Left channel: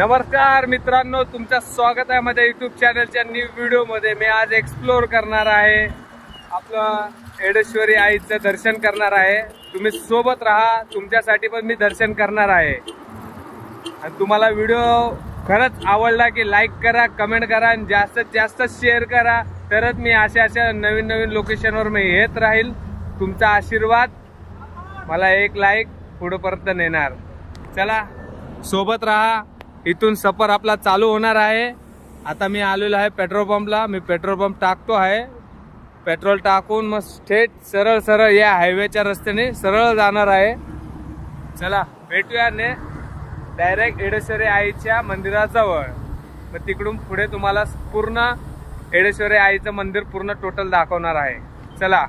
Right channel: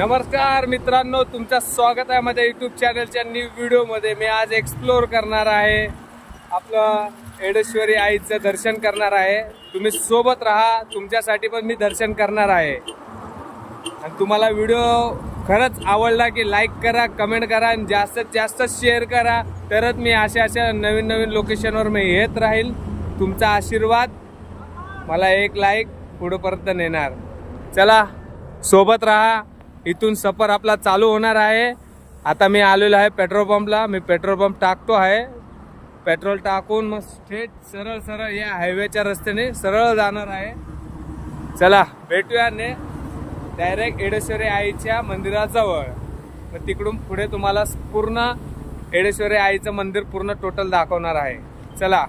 नमस्कार मित्रांनो, तुमचं स्वागत आहे माझ्या यूट्यूब चॅनलच्या न्यू व्हिडिओमध्ये। मी आज एक्सप्लोर करणार आहे, आपलं एडेश्वरी आईचं दर्शन करणार आहे। तुम्ही सोबत राहा, तुमच्यासाठी पण मी दर्शन करणार आहे। आणि तुम्हाला व्हिडिओ खरंच आवडला की लाईक करा, कमेंट करा आणि जास्तीत जास्त शेअर करा, तरच मी अशा नवीन नवीन लोकेशनवर मी येत राहील। तुमचा आशीर्वाद मला एक लाईक पुढेपर्यंत नेणार। चला सोबत राहा, इथून सफर आपला चालू होणार आहे। आता मी आलेलो आहे पेट्रोल पंपला। मी पेट्रोल पंप टाकतो आहे, पेट्रोल टाकून मग थेट सरळ या हायवेच्या रस्त्याने सरळ जाणार आहे। चला भेटूया ने डायरेक्ट एडेश्वरी आईच्या मंदिराजवळ। मग तिकडून पुढे तुम्हाला पूर्ण एडेश्वरी आईचं मंदिर पूर्ण टोटल दाखवणार आहे। चला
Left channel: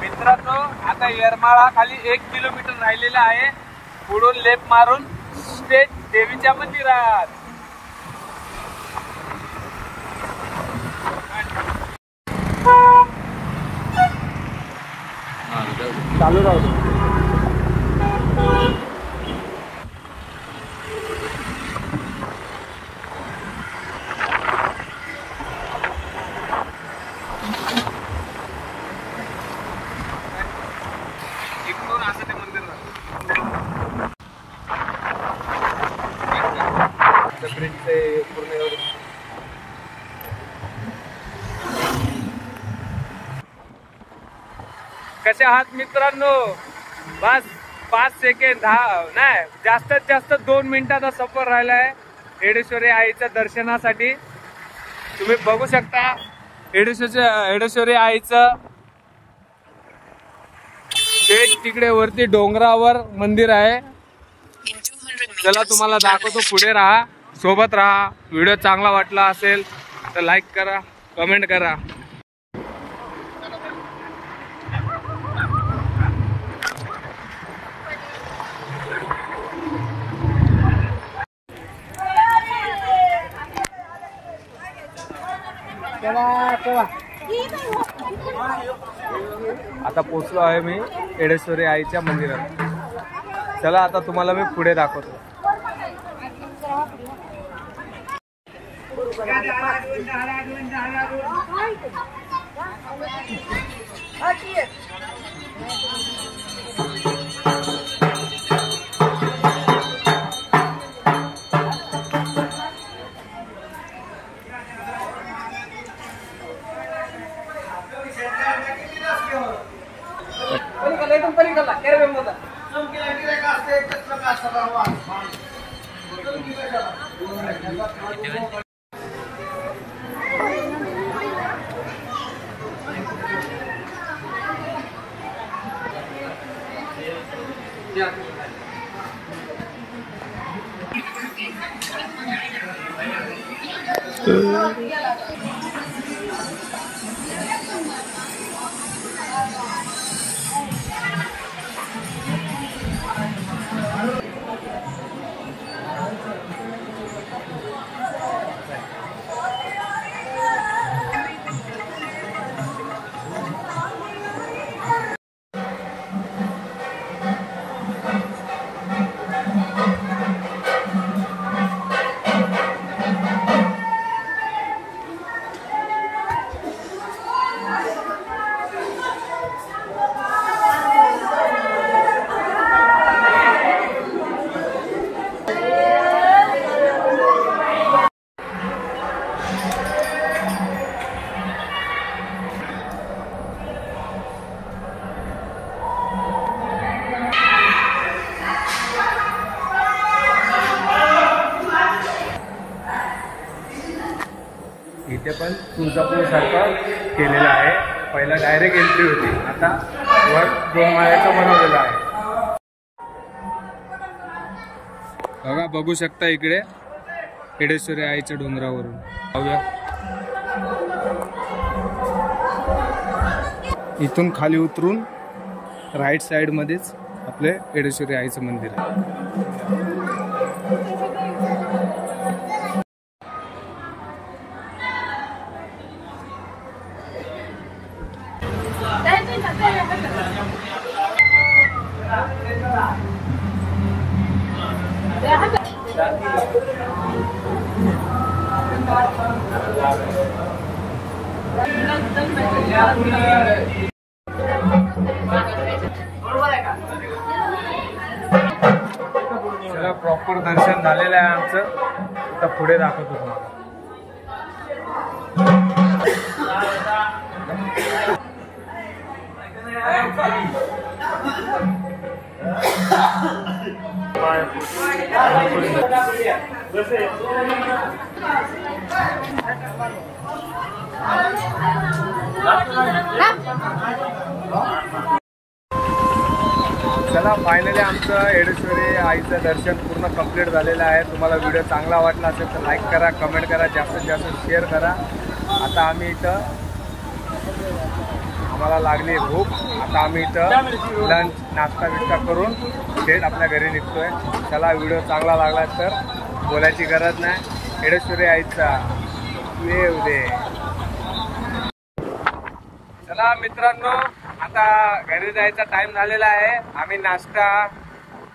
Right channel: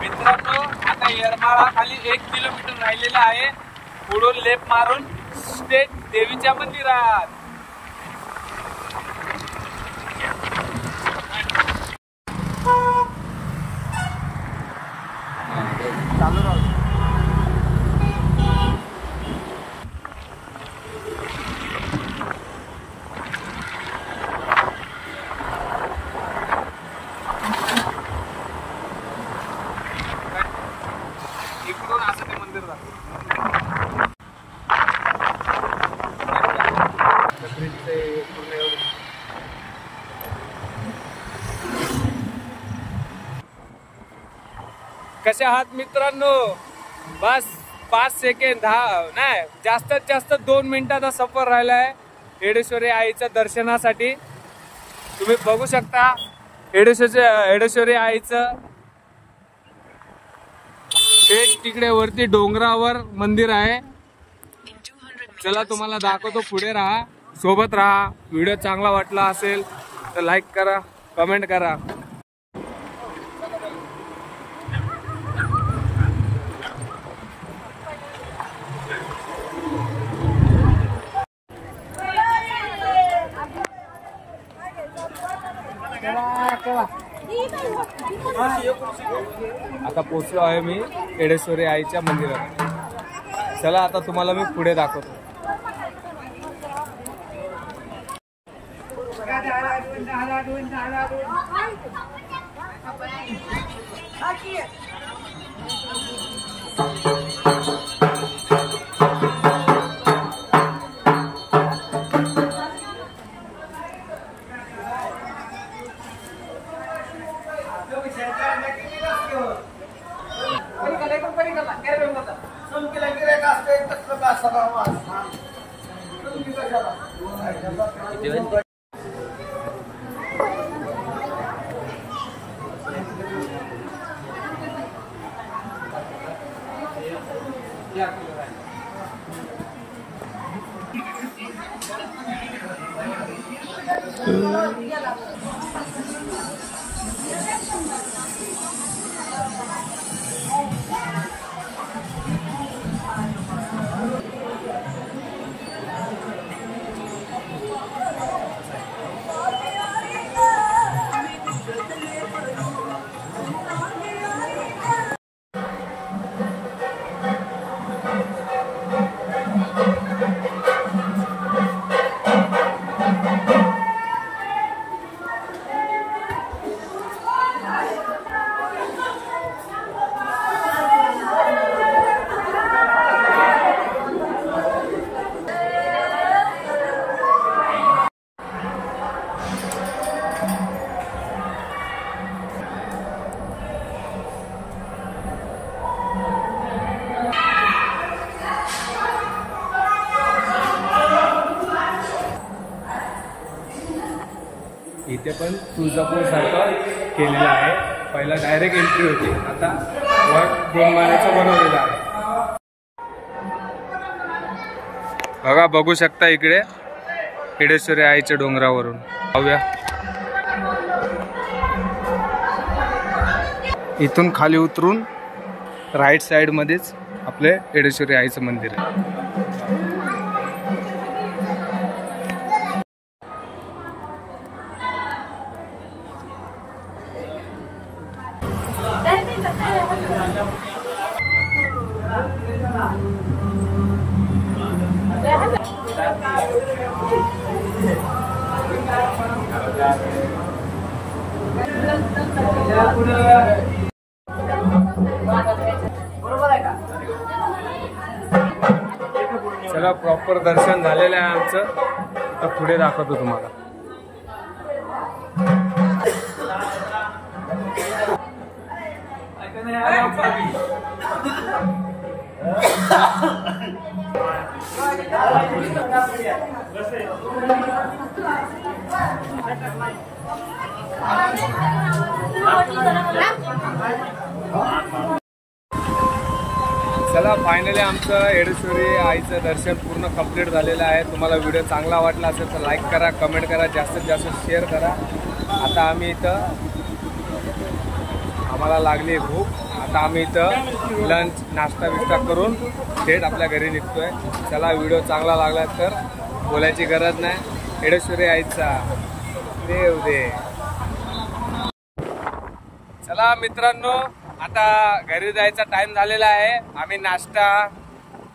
मित्रांनो, आता येरमाळा खाली 1 किलोमीटर राहिलेला आहे। पुढून लेफ्ट मारून स्टेट देवीच्या मंदिरात। चालू राहू इकडून असं ते मंदिर कसे आहात मित्रांनो? बस 5 सेकंड नाही, जास्तीत जास्त 2 मिनिटाचा सफर राहिला आहे एडेश्वरी आईच्या दर्शनासाठी। तुम्ही बघू शकता एडेश्वरी आईचं तिकडे वरती डोंगरावर मंदिर आहे। चला तुम्हाला दाखवतो, पुढे राहा, सोबत राहा। व्हिडिओ चांगला वाटला असेल तर लाईक करा, कमेंट करा। आता पोचलो आहे मी एडेश्वरी आईच्या मंदिरात। चला आता तुम्हाला मी पुढे दाखवतो। इथे पण तुळजापूर सारखं केलेलं आहे। पहिला डायरेक्ट एंट्री होती, आता वर 2 माळ्याचं बनवलेलं आहे. बघा, बघू शकता इकडे एडेश्वरी आईच्या डोंगरावरून पाहूया. इथून खाली उतरून राईट साइड मध्येच आपले एडेश्वरी आईचं मंदिर आहे. चला, प्रॉपर दर्शन झालेलं आहे आमचं. आता पुढे दाखवतो तुम्हाला. चला, फायनली आमचं एडेश्वरी आईचं दर्शन पूर्ण कंप्लीट झालेलं आहे. तुम्हाला व्हिडिओ चांगला वाटला असेल तर लाईक करा, कमेंट करा, जास्तीत जास्त शेअर करा. आता आम्ही इथं, आम्हाला लागली भूक. आता आम्ही इथं लंच नाश्ता बिष्टा करून थेट आपल्या घरी निघतोय. चला, व्हिडिओ चांगला लागला तर बोलायची गरज नाही. एडेश्वरी आईचा देव दे. चला मित्रांनो, आता घरी जायचा टाइम झालेला आहे. आम्ही नाश्ता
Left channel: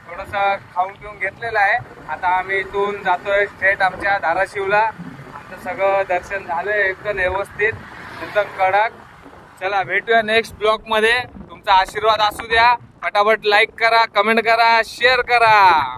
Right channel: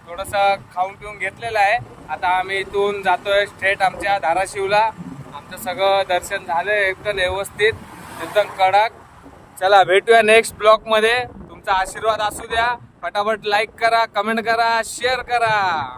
थोडंसं खाऊन पिऊन घेतलेला आहे. आता आम्ही इथून जातोय थेट आमच्या धाराशिवला. आमचं सगळं दर्शन झालंय एकदम व्यवस्थित, एकदम कडक. चला, भेटूया नेक्स्ट ब्लॉग मध्ये. तुमचा आशीर्वाद असू द्या. फटाफट लाईक करा, कमेंट करा, शेअर करा.